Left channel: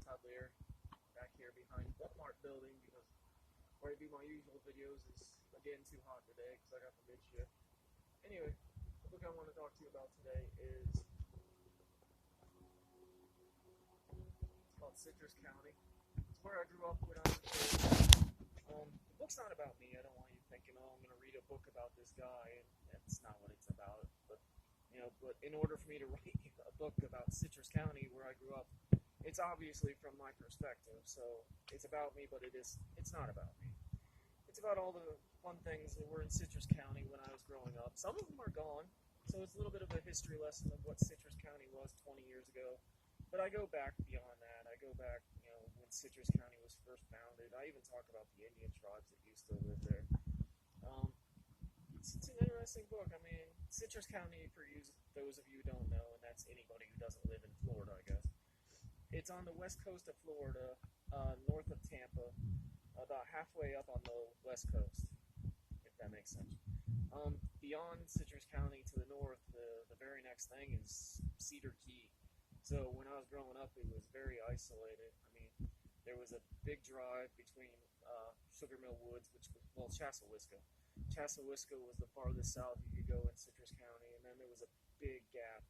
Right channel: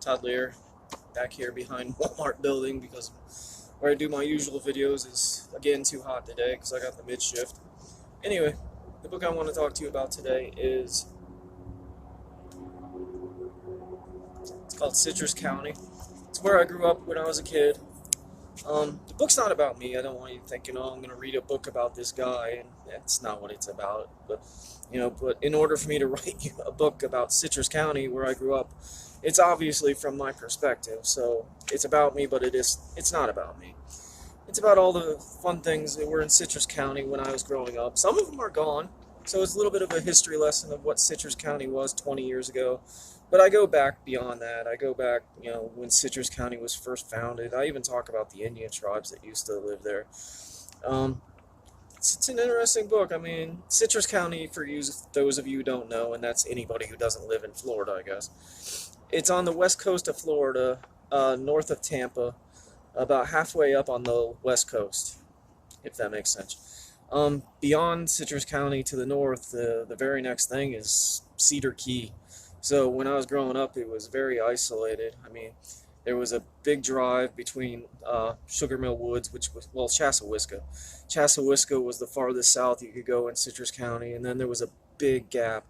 Todd Lear, back here behind Walmart building because where I do my usual videos is again too hot today because I got the mid shift. Anyway, the book I want to talk to you about today is it's called Citrus County. It's where I grew up when I was a kid. The book's not about me. I don't want you thinking, oh, I'm going to read a book about this guy, and that's not what it's about. But in order for me to write you a book about Citrus County, where I grew up, it's obviously from my perspective. So it's about me, but it's not about me. It's about all the fun things that were in Citrus County when I was growing up. Some of them are gone, so it's a little bit of a history lesson of what Citrus County was 20 years ago. But I go back beyond that. I go back, when Citrus County was first founded. I even talk about the Indian tribes that used to live there. Um, it's an interesting book. I mean, Citrus County, for you, those of you who don't know, and that's anybody who doesn't live in Florida, I guess. It's on the west coast of Florida, north of Tampa, about halfway up on the west coast, if that makes sense. Beyond Citrus County to the north, the very next thing is Cedar Key. So when I was growing up, it was very isolated. I mean, there was a big drive between Sugar Mill Woods, which was, well, Chassahowiska. Chassahowiska was the farthest south you could go in Citrus County, and then there was a big gap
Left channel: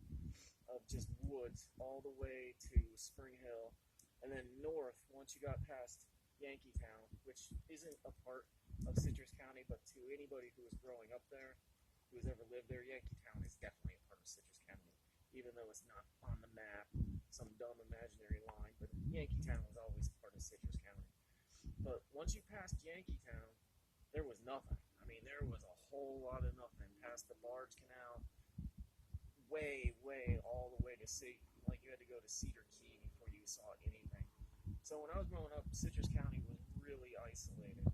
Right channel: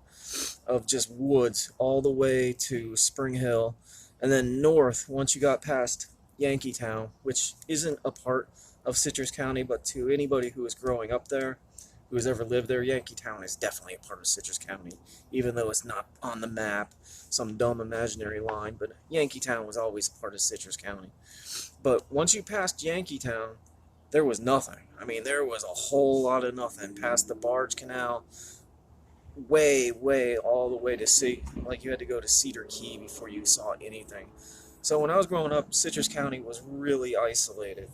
of just woods all the way to Spring Hill, and then north, once you got past Yankeetown, which isn't a part of Citrus County, but to anybody who is growing up there, who has ever lived there, Yankeetown is definitely a part of Citrus County, even though it's not on the map, some dumb imaginary line, but Yankeetown was always a part of Citrus County. But once you passed Yankeetown, there was nothing. I mean, there was a whole lot of nothing past the Barge Canal, way all the way to sea. Like, you had to go to Cedar Key before you saw anything. So when I was growing up, Citrus County was really isolated.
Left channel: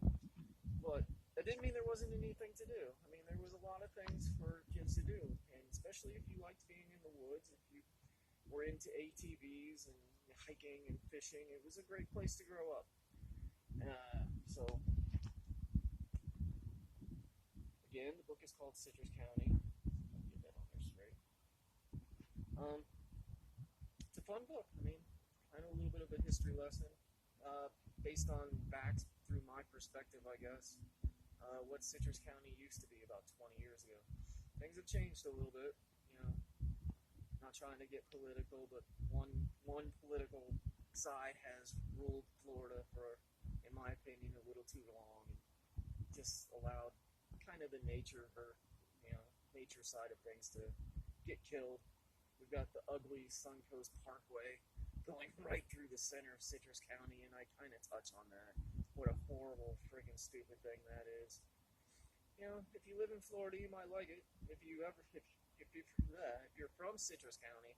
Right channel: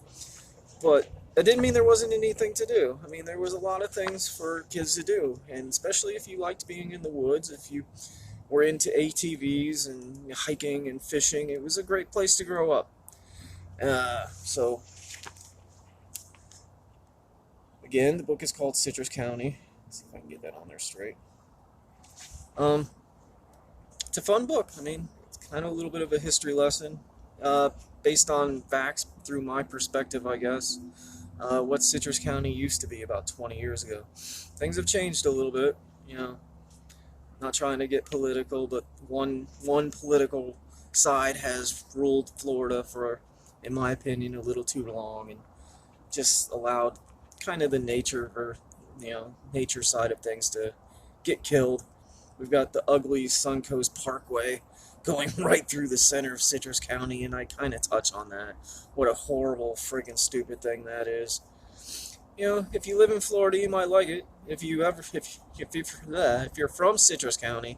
But that didn't mean there wasn't anything to do. I mean, there was a lot of things for kids to do, and especially if you liked being in the woods, if you were into ATVs and hiking and fishing, it was a great place to grow up. So, again, the book is called Citrus County. Let's see if I can get that on there straight. It's a fun book. I mean, it's kind of a little bit of a history lesson, based on facts through my perspective, I guess. What Citrus County used to be about 20 years ago. Things have changed a little bit, not trying to get political, but one political side has ruled Florida for, in my opinion, a little too long, and just allowed kind of the nature side of things to get killed. We've got the ugly Suncoast Parkway going right through the center of Citrus County, and I kind of touch on that. What a horrible, friggin' stupid thing that is. If you live in Florida, you might like it. If you're from Citrus County,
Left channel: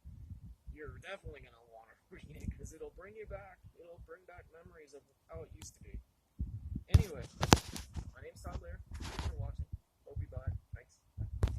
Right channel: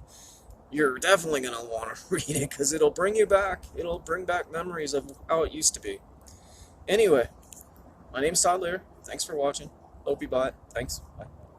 you're definitely gonna want to read it because it'll bring you back. It'll bring back memories of how it used to be. Anyway, my name's Todd Lear. Thanks for watching. Hope you buy it. Thanks. Bye.